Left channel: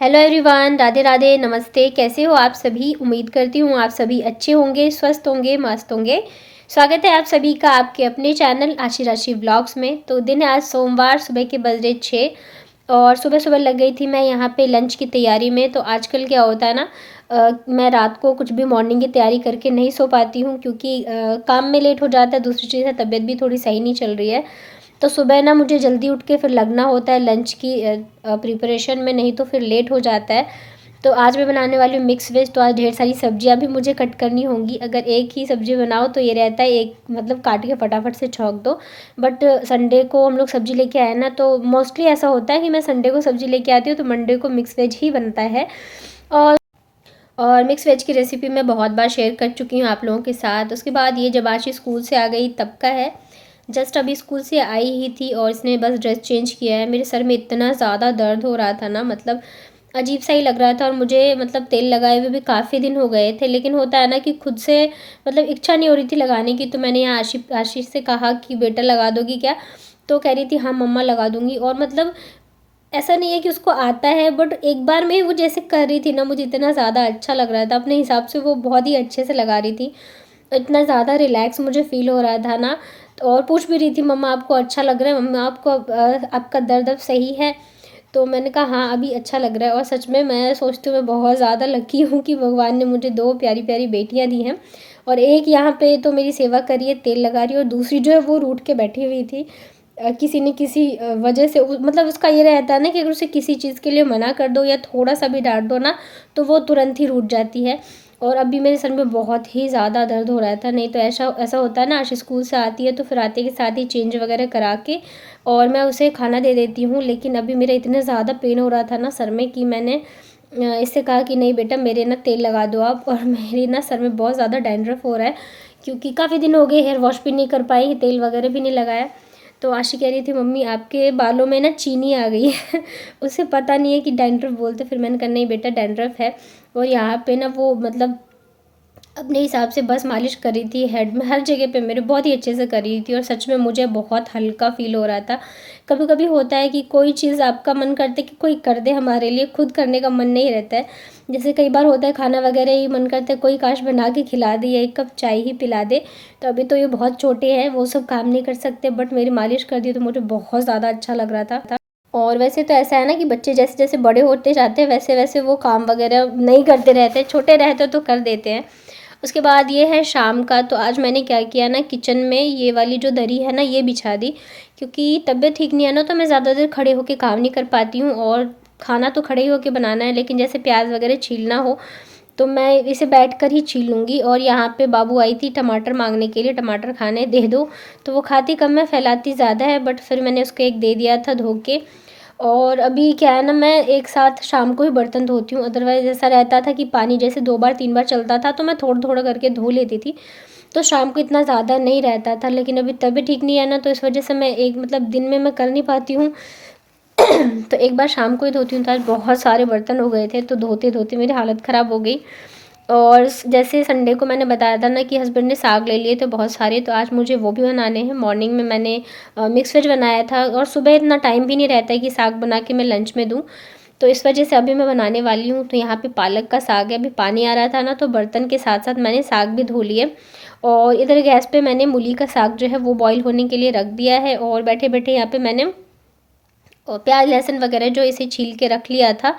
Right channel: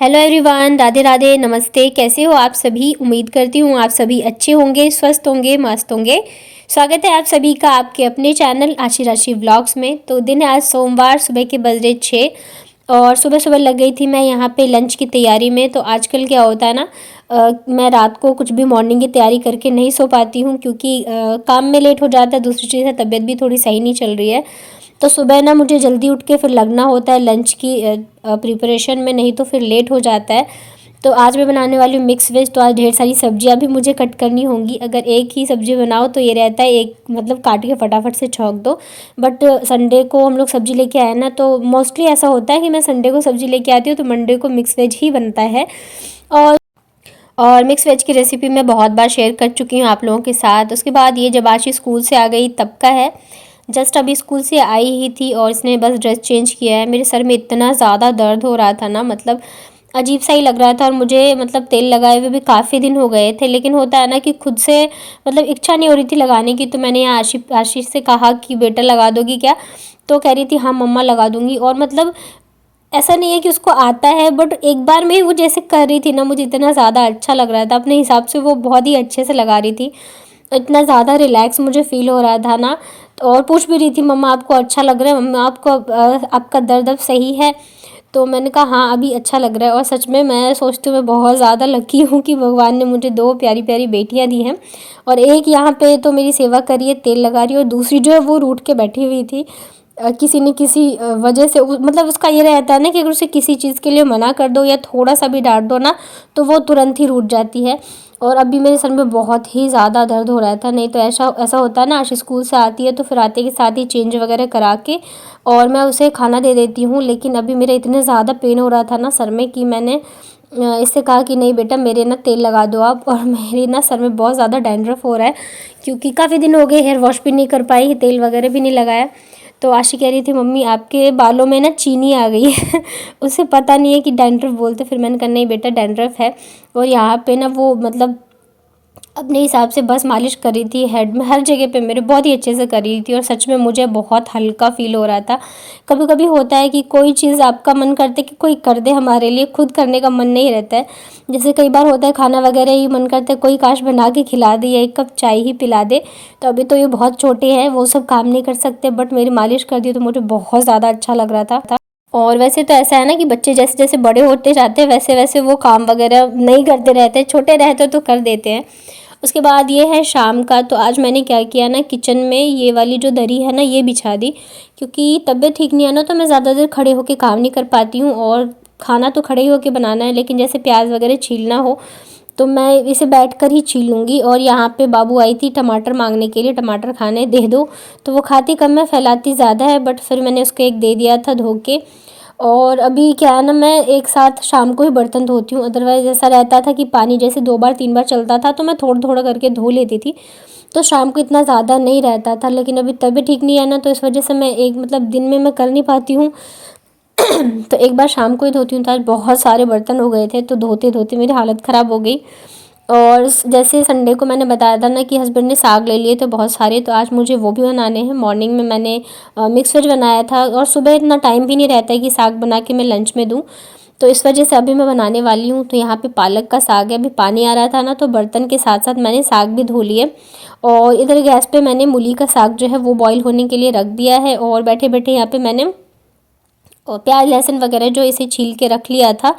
Hello everyone, Radhe Radhe, नमस्ते। कैसे हो आप सभी? उम्मीद करती हूँ आप सभी अच्छे होंगे, स्वस्थ होंगे, मस्त होंगे। स्वागत है आप सभी का आपके अपने चैनल आशी राशि व्लॉग्स में। तो दिन है आज सोमवार, सुबह के बज रहे 6 और सुबह सुबह लग गई थी मैं यहाँ पे लंच की तैयारी में। तो आजकल क्या होता है ना, मैं रात को कुछ भी मॉर्निंग की तैयारी करके नहीं सो पाती हूँ क्योंकि काम में लेट हो जाता है। दूसरी चीज़ है, तबीयत भी थोड़ी सही नहीं चल रही है। तो सुबह ना मुझे जल्दी उठ के फिर लगना होता है लंच की प्रिपरेशन में, नहीं तो फिर लेट हो जाता है। तो आज मैं बनाने वाली हूँ मिक्स वेज। तो आज ढेर सारी सब्जियां भी मुझे कट करनी होंगी। अगर एक ही सब्जी बनाओ तो ये रहता है एक मतलब काट के फटाफट से छौंक दो। बट संडे को हम लोग सब्जी लेके आए ना, तो मोस्टली ऐसा होता है कि मैं संडे को सब्जी लेके आती हूँ तो मंडे को मिक्स वेज ही बनता है। और मिक्स वेज की रेसिपी मैं बहुत बार शेयर कर चुकी हूँ आप लोगों के साथ। उसके बाद ये जब आशी स्कूल से आ गई तब का है। जस्ट अभी स्कूल से आई ही थी और इसने बस ड्रेस चेंज किया है। मेरे सर में इतना ज़्यादा दर्द हो रहा था ना, मतलब अजीब सा ही लग रहा था। और मुझे मतलब तेल लगाए हुए भी काफ़ी दिन हो गए थे, लेकिन होता है ना कि खुद से मतलब इच्छा नहीं हो रही थी लगाने की। तो मैंने यहाँ आशीष से कहा कि बेटा लगा दोगी क्या? तो कह रही थी हाँ मम्मा लगा दूंगी। और मतलब ऐसा नहीं है कि उसको आता है, बट एक बार में ही वो जैसे कर रही थी ना, मुझे इतना ज़्यादा अच्छा लग रहा था। अपने हिसाब से वो बहुत ही अच्छे से लगा रही थी, इतना ज़्यादा रिलैक्स मुझे फ़ील हो रहा था ना। तो और पूछ भी रही थी मम्मा आपको अच्छा लग रहा है, मम्मा आपको आपका दर्द अब सही है? तो मैंने कहा हाँ अभी अच्छा लग रहा है। और सच में मैं सोचती हूँ मैं बहुत ज़्यादा लकी हूँ कि भगवान ने मुझे दो प्यारी प्यारी बेटियाँ दी हैं। और एक यहाँ पे तो मेरी सेवा करी है, तेल लगा रही है, और दूसरी जो है वो रूठ के बैठी हुई थी। किसी न किसी वजह से मतलब उसका ये रहता है ना कि अगर उसे किसी चीज़ के लिए मना कर दो या थोड़ा सा भी डांट दो ना, तो वो तुरंत ही रूठ जाती है। और अभी मेरे सर में बहुत ही ज़्यादा दर्द हो रहा था। नहीं तो ऐसा ऐसा होता है ना, आशी स्कूल से आती है तो फिर आते के साथ ही चेंज वगैरह करा के और मैं उसे खाना दे देती हूँ। लेकिन अभी मेरा इतने ज़्यादा पेन हो रहा था ना सर में कि मैंने इससे कहा कि नहीं बेटा मेरे ना तेल लगा दो आप। और मेरे ना सर में बहुत ज़्यादा डैंड्रफ हो रहा है क्योंकि काफ़ी दिन हो गए हेयर वॉश भी नहीं कर पाई, तेल वगैरह भी नहीं लगाया। तो आशी कह रही थी मम्मी आपके बालों में ना चीनी आ गई है उसे पता नहीं है कि डैंड्रफ बोलते। फिर मैंने कहा नहीं बेटा डैंड्रफ है। और यहाँ पे ना वो मतलब अपने हिसाब से बस मालिश कर रही थी हेड में, हर जगह पे मेरे बहुत ही अच्छे से कर रही थी। और सच में मुझे बहुत हल्का फील हो रहा था। कभी कभी होता है कि कोई चीज़ आपका मन करता है कि कोई कर दे हमारे लिए, खुद करने का मन नहीं रहता है। जैसे कई बार होता है खाना वगैरह ही मन करता है कोई काश बना के खिला दे या एक कप चाय ही पिला दे। तो अभी तो ये बहुत छोटे हैं, वो सब काम नहीं कर सकते, बट मेरी मालिश कर दी तो मुझे बहुत ज़्यादा अच्छा लग रहा था। और वैसे तो ऐसा है ना कि बच्चे जैसे जैसे बड़े होते जाते हैं वैसे वैसे वो काम वगैरह नहीं करते रहते, छोटे रहते तो कर देते हैं। उसके बाद ये है शाम का। तो आज मैंने क्या किया ना, किचन में ये वाली जो दरी है ना ये बिछा दी, क्योंकि तबीयत ठीक नहीं है ना, तो मैं ज़्यादा देर खड़े होकर काम नहीं कर पाती हूँ। और खाना तो खड़े ही होकर बनाना है, लेकिन जैसे प्याज वगैरह छीलना हो तो मैं इसे बैठ कर ही छील लूँगी। और यहाँ पे बाबू आई थी टमाटर मांगने के लिए, टमाटर खाने दे दो। तो वो खाती कम है, फैलाती ज़्यादा है, बट फिर मैंने उसको एक दे दिया था धो के। और अभी क्या है ना, मैं एक साथ शाम को ही बर्तन धोती हूँ। अदरवाइज़ ऐसा रहता था कि पानी जैसे 2 बार 3 बार चलता था तो मैं थोड़ा थोड़ा करके धो लेती थी, तो शाम को इतना ज़्यादा नहीं रहता था। लेकिन अभी तबीयत ठीक नहीं है ना, तो इस वजह से मैं एक मतलब दिन में मैं कर नहीं पाती हूँ तो एक बार शाम को ही धोती हूँ। तो आज बहुत सारे बर्तन हो गए थे, तो धोते धोते मेरी हालत ख़राब हो गई। और जैसे संडे को मैंने बताया था ना कि हस्बैंड ने साग ले लिए थे बहुत सारे, तो आज मुझे वो भी बनाने हैं। मॉर्निंग में मैंने मिक्स वेज बनाया था, और सुबह इतना टाइम भी नहीं रहता है कि साग बना के मैं लंच में दूँ, तो इस वजह से अभी मैं बनाने वाली हूँ। तो यहाँ पे पालक का साग है। अभी पानी आ रहा था ना, तो बर्तन के साथ साथ मैंने साग भी धो लिए। और इधर गैस पे मैंने मूली का साग जो है वो बॉईल होने के लिए रख दिया है। और बैठे बैठे यहाँ पे मैंने और प्याज लहसुन वगैरह जो इसे छील के रख लिया था,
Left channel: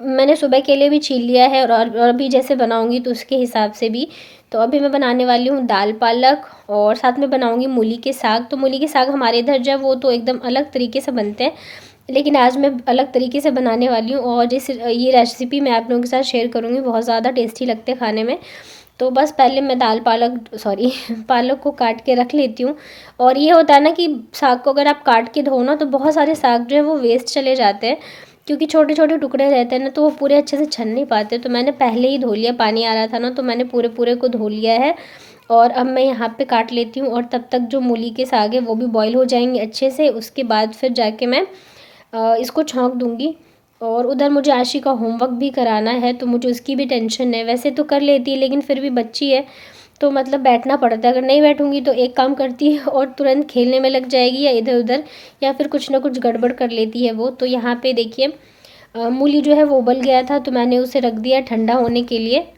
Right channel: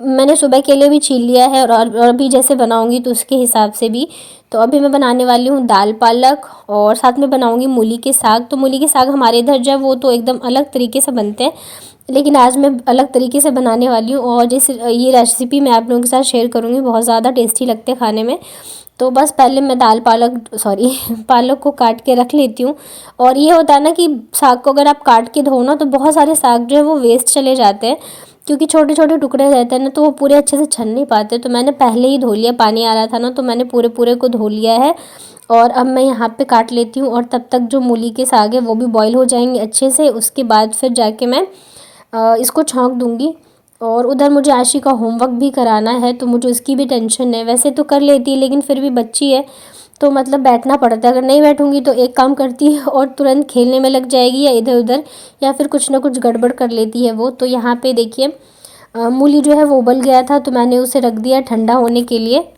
मैंने सुबह के लिए भी छील लिया है। और अभी जैसे बनाऊंगी तो उसके हिसाब से भी। तो अभी मैं बनाने वाली हूँ दाल पालक, और साथ में बनाऊंगी मूली के साग। तो मूली के साग हमारे इधर जो है वो तो एकदम अलग तरीके से बनते हैं, लेकिन आज मैं अलग तरीके से बनाने वाली हूँ। और जैसे ये रेसिपी मैं आप लोगों के साथ शेयर करूँगी, बहुत ज़्यादा टेस्टी लगते हैं खाने में। तो बस पहले मैं दाल पालक सॉरी पालक को काट के रख लेती हूँ। और ये होता है ना कि साग को अगर आप काट के धो ना, तो बहुत सारे साग जो है वो वेस्ट चले जाते हैं, क्योंकि छोटे छोटे टुकड़े रहते हैं ना, तो वो पूरे अच्छे से छन नहीं पाते। तो मैंने पहले ही धो लिया, पानी आ रहा था ना, तो मैंने पूरे पूरे को धो लिया है। और अब मैं यहाँ पे काट लेती हूँ, और तब तक जो मूली के साग है वो भी बॉईल हो जाएंगे अच्छे से। उसके बाद फिर जाके मैं इसको छौंक दूँगी। और उधर मुझे आशी का होमवर्क भी कराना है, तो मुझे उसकी भी टेंशन है। वैसे तो कर लेती है, लेकिन फिर भी बच्ची है तो मतलब बैठना पड़ता है। अगर नहीं बैठूंगी तो एक काम करती है और तुरंत खेलने में लग जाएगी या इधर उधर, या फिर कुछ ना कुछ गड़बड़ कर लेती है वो। तो यहाँ पे देखिए मूली जो है वो उबल गया था, तो मैंने उसे रख दिया ठंडा होने के लिए।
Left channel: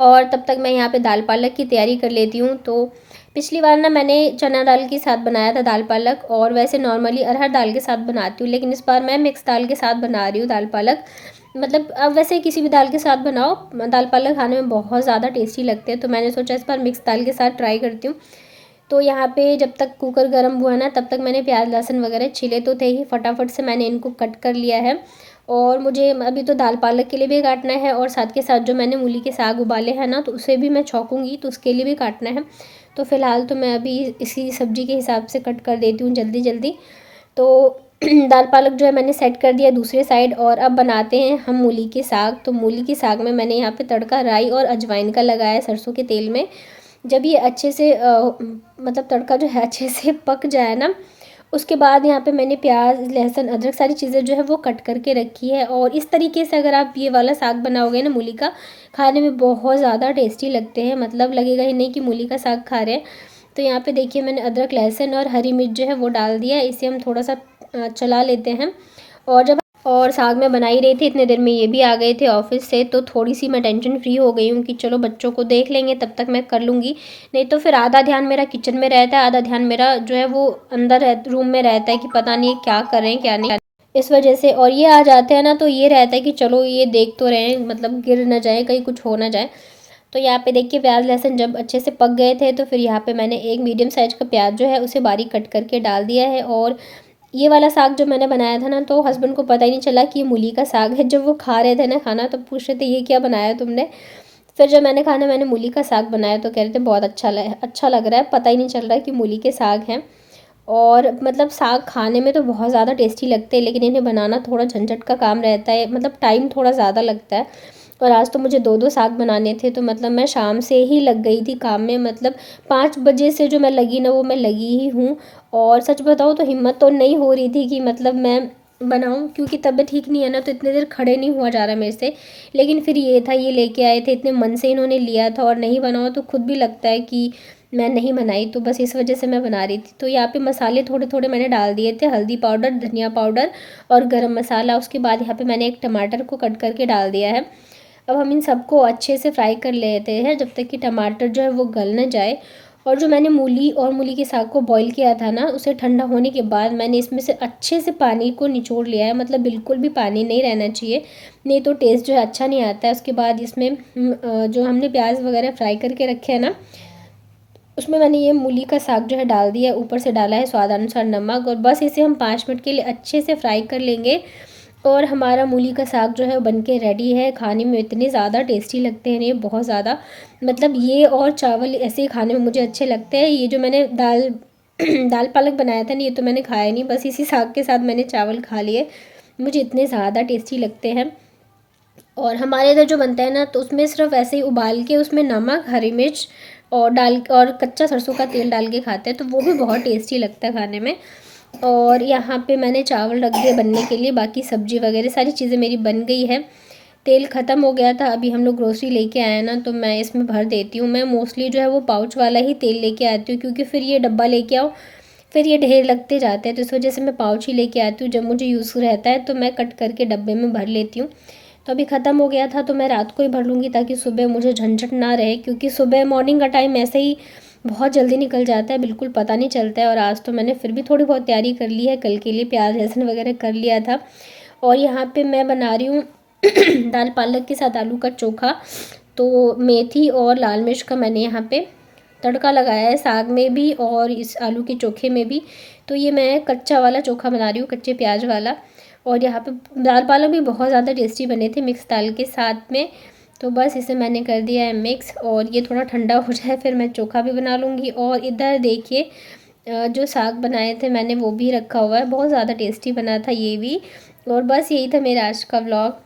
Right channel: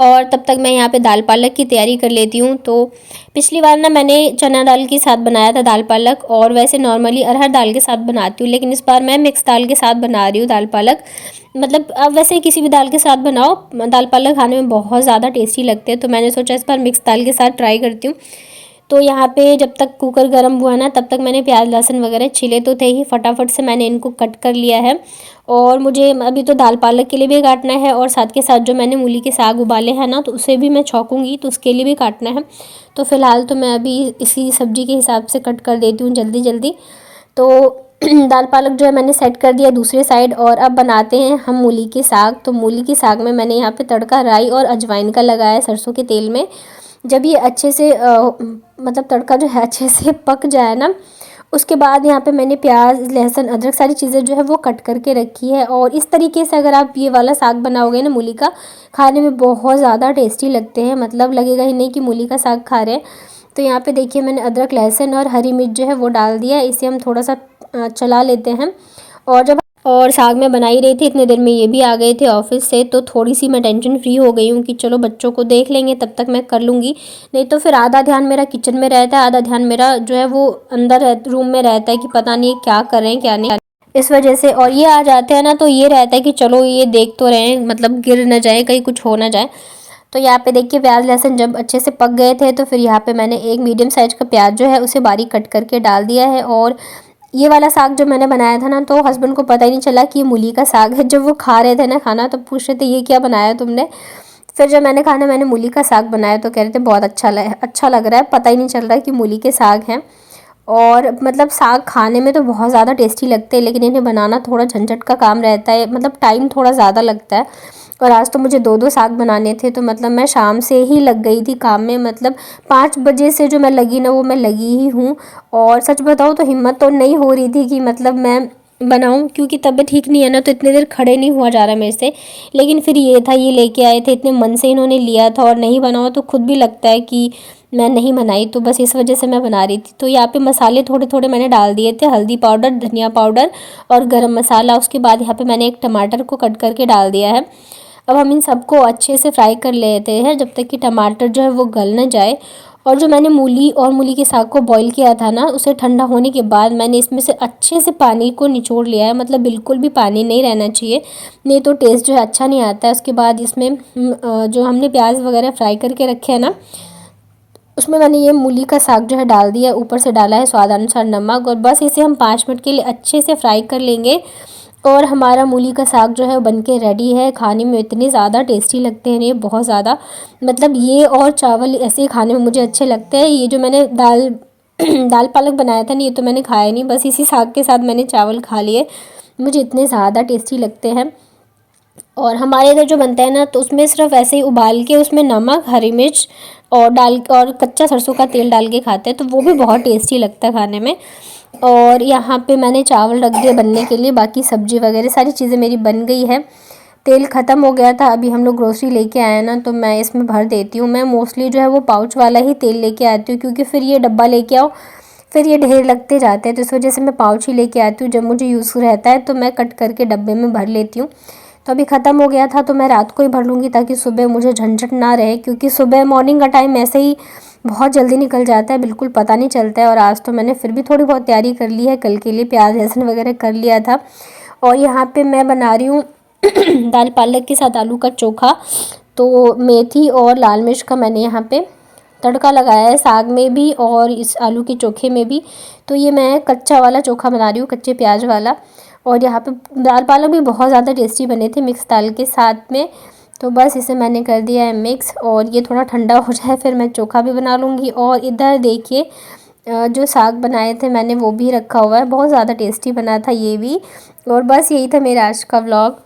और तब तक मैं यहाँ पे दाल पालक की तैयारी कर लेती हूँ। तो पिछली बार ना मैंने चना दाल के साथ बनाया था दाल पालक, और वैसे नॉर्मली अरहर दाल के साथ बनाती हूँ, लेकिन इस बार मैं मिक्स दाल के साथ बना रही हूँ दाल पालक। मतलब अब वैसे किसी भी दाल के साथ बनाओ, दाल पालक खाने में बहुत ज़्यादा टेस्टी लगते हैं, तो मैंने सोचा इस बार मिक्स दाल के साथ ट्राई करती हूँ। तो यहाँ पे जब तक कुकर गर्म हुआ ना, तब तक मैंने प्याज लहसुन वगैरह छिले तो थे ही, फटाफट से मैंने इनको कट कर लिया है। और मुझे अभी तो दाल पालक के लिए भी काटना है, और साथ के साथ जो मैंने मूली के साग उबाले हैं ना, तो उसे भी मैं छौंकूँगी, तो उसके लिए भी काटना है। तो फ़िलहाल तो मैं अभी इसी सब्ज़ी के हिसाब से कट कर देती हूँ जल्दी जल्दी। तो दाल पालक जो है मैंने सेट कर दिया दूसरे साइड, और अब बनाते हैं हम मूली के साग। तो मूली के साग में मैंने यहाँ पे तड़का राई और अजवाइन का लगाया है सरसों के तेल में। जब ये अच्छे से मतलब तड़का जो है अच्छे से पक जाए ना, उसके बाद यहाँ पे मैंने प्याज लहसुन अदरक सारी चीज़ें जो है वो कट करके रखी है। और इस तरीके से अगर आप ये वाला साग बनाओगे ना मूली का, खाने में बहुत ज़्यादा टेस्टी लगते हैं, मतलब लगेगा ही नहीं कि मूली का साग खा रहे हैं। तो यहाँ पे देखिए मैंने अदरक लहसुन और हरी मिर्च जो है वो डाल दिया है, इसे हम थोड़ा सा चला लेते हैं। और साग में बना ही रही थी, इतने देर में ये भी आ गए थे ऑफिस से, तो थोड़ी सी मैं टेंशन फ्री हो गई हूँ कि चलो बच्चों को देख लेंगे, तब तक मैं कर लूँगी। नहीं तो फिर आधा ध्यान मेरा किचन में रहता है, आधा ध्यान मेरा जो है वो अंदर रूम में रहता है कि पता नहीं क्या कर रहे हैं क्या नहीं, इस वजह से। और ये आ जाते हैं ना, तो ये रहता है कि चलो ये देख तो रहे हैं, मतलब गिर न जाए, कहीं कुछ हो ना जाए। तो यहाँ पे देखिए प्याज लहसुन जब अच्छे से पक गए थे, तो फिर यहाँ पे मैंने एक मीडियम साइज़ का प्याज जो है उसे बारीक कट करके डाल दिया है। और ये वाला साग जो मैंने बनाया था ना, तो हस्बैंड को पता ही नहीं चला कि ये मूली का साग है। जब वो खा रहे थे ना खाना, तो पूछ रहे थे ये क्या बनाया तुमने। फिर जब मैंने मूली का साग बनाया, तो कह रहे थे बहुत अच्छा लग रहा है, पता ही नहीं चल रहा है कि मूली के साग हैं। और मतलब साग खाने में तो बहुत ज़्यादा टेस्टी लगते हैं, लेकिन इन्हें बनाना थोड़ा झंझट का काम रहता है, मतलब टाइम थोड़ा ज़्यादा लगता है। और आज तो मुझे 2-2 साग बनाने थे, तो मतलब मैं शाम से ही लग गई थी काम में, मतलब 5 बजे से जो मैं लगी ना, वो मैं लगी ही हूँ। और सच बताऊँ तो हिम्मत तो नहीं हो रही थी कि मतलब मैं बनाऊँ, क्योंकि तबीयत ठीक नहीं है ना, तो इतनी देर खड़े नहीं हुआ जा रहा मेरे से। लेकिन फिर ये था, ये लेके आए थे, इतने मन से इन्होंने लिया था, और नहीं बनाओ तो खुद भी लगता है कि मैं नहीं बनाई, तो बस इस वजह से मैं बना रही थी। तो यहाँ पे मसाले थोड़े थोड़े मैंने डाल दिए थे, हल्दी पाउडर, धनिया पाउडर और गरम मसाला। उसके बाद यहाँ पे मैंने एक टमाटर को कट करके डाल दिया है। अब हम इन सबको अच्छे से फ्राई कर लेते हैं, जब तक कि टमाटर जो है वो गल न जाए। और जो मैंने मूली के साग को बॉईल किया था ना, उसे ठंडा होने के बाद मैंने इसमें से अच्छे से पानी को निचोड़ लिया है, मतलब बिल्कुल भी पानी नहीं रहना चाहिए, नहीं तो टेस्ट जो है अच्छा नहीं आता है। उसके बाद इसमें जो हमने प्याज वगैरह फ्राई करके रखे हैं ना, उसमें मैंने ये मूली का साग जो है डाल दिया, ऊपर से डाला है स्वाद अनुसार नमक, और बस इसे हम 5 मिनट के लिए अच्छे से फ्राई कर लेंगे। और हमारा मूली का साग जो है बन के रेडी है। खाने में इतने ज़्यादा टेस्टी लगते हैं ये, बहुत ज़्यादा, मतलब ये और चावल ऐसे ही खाने में मुझे अच्छे लगते हैं। ये जो मैंने दाल दाल पालक बनाया था ना, ये तो मैंने खाया नहीं, बस इसी साग के साथ मैंने चावल खा लिए, मुझे इतने ज़्यादा टेस्टी लगते हैं। और हमारे इधर जो बनता है ना, तो उसमें सिर्फ ऐसे ही उबाल के उसमें नमक हरी मिर्च और कच्चा सरसों का तेल डाल के खाते हैं, तो वो भी बहुत टेस्टी लगता है खाने में। और यहाँ पे मैंने चावल रख दिए बनने के लिए, बाकी सब्जी वगैरह सारी चीज़ें मेरी बन गई है। तेल ख़त्म हो गया था, अभी हम लोग ग्रोसरी लेके आए हैं ना, तो मैं इसमें भर देती हूँ। मैं मोस्टली जो है वो पाउच वाला ही तेल लेके आती हूँ, क्योंकि फिर ये डब्बा लेके आओ, फिर ये ढेर लगते जाते हैं, तो इस वजह से मैं पाउच ही लेके आती हूँ। जब मुझे यूज़ रहता है तो मैं कट करके डब्बे में भर लेती हूँ। तो अभी ख़त्म हो गया था, तो मैं रात को ही भर लूँगी, ताकि सुबह मुझे झंझट ना रहे, क्योंकि सुबह मॉर्निंग का टाइम ऐसे ही बहुत जल्दी निकल जाता है, बिल्कुल पता नहीं चलता है। और आज तो मैंने फिर भी थोड़ी बहुत तैयारी कर ली है, कल के लिए प्याज लहसुन वगैरह कर लिया था। और यहाँ पे मैं बना रही हूँ दाल पालक के साथ आलू का चोखा। तो मेथी और लाल मिर्च का मैंने यहाँ पे तड़का लगाया है, साग में भी और इस आलू के चोखे में भी। तो ये मैं कच्चा वाला चोखा बना रही हूँ, कच्चे प्याज वाला। और यहाँ पे दाल पालक भी बहुत ज़्यादा टेस्टी बने थे मिक्स दाल के साथ में। तो बस इसे मैंने कर दिया है मिक्स, और ये थोड़ा ठंडा हो जाए फिर मैं चोखा भी बना लूँगी। और इधर देखिए जो साग बनाए थे मैंने वो भी रखा हुआ है, बहुत ज़्यादा टेस्टी बना था ये भी। और बस यही था मेरा आज का व्लॉग।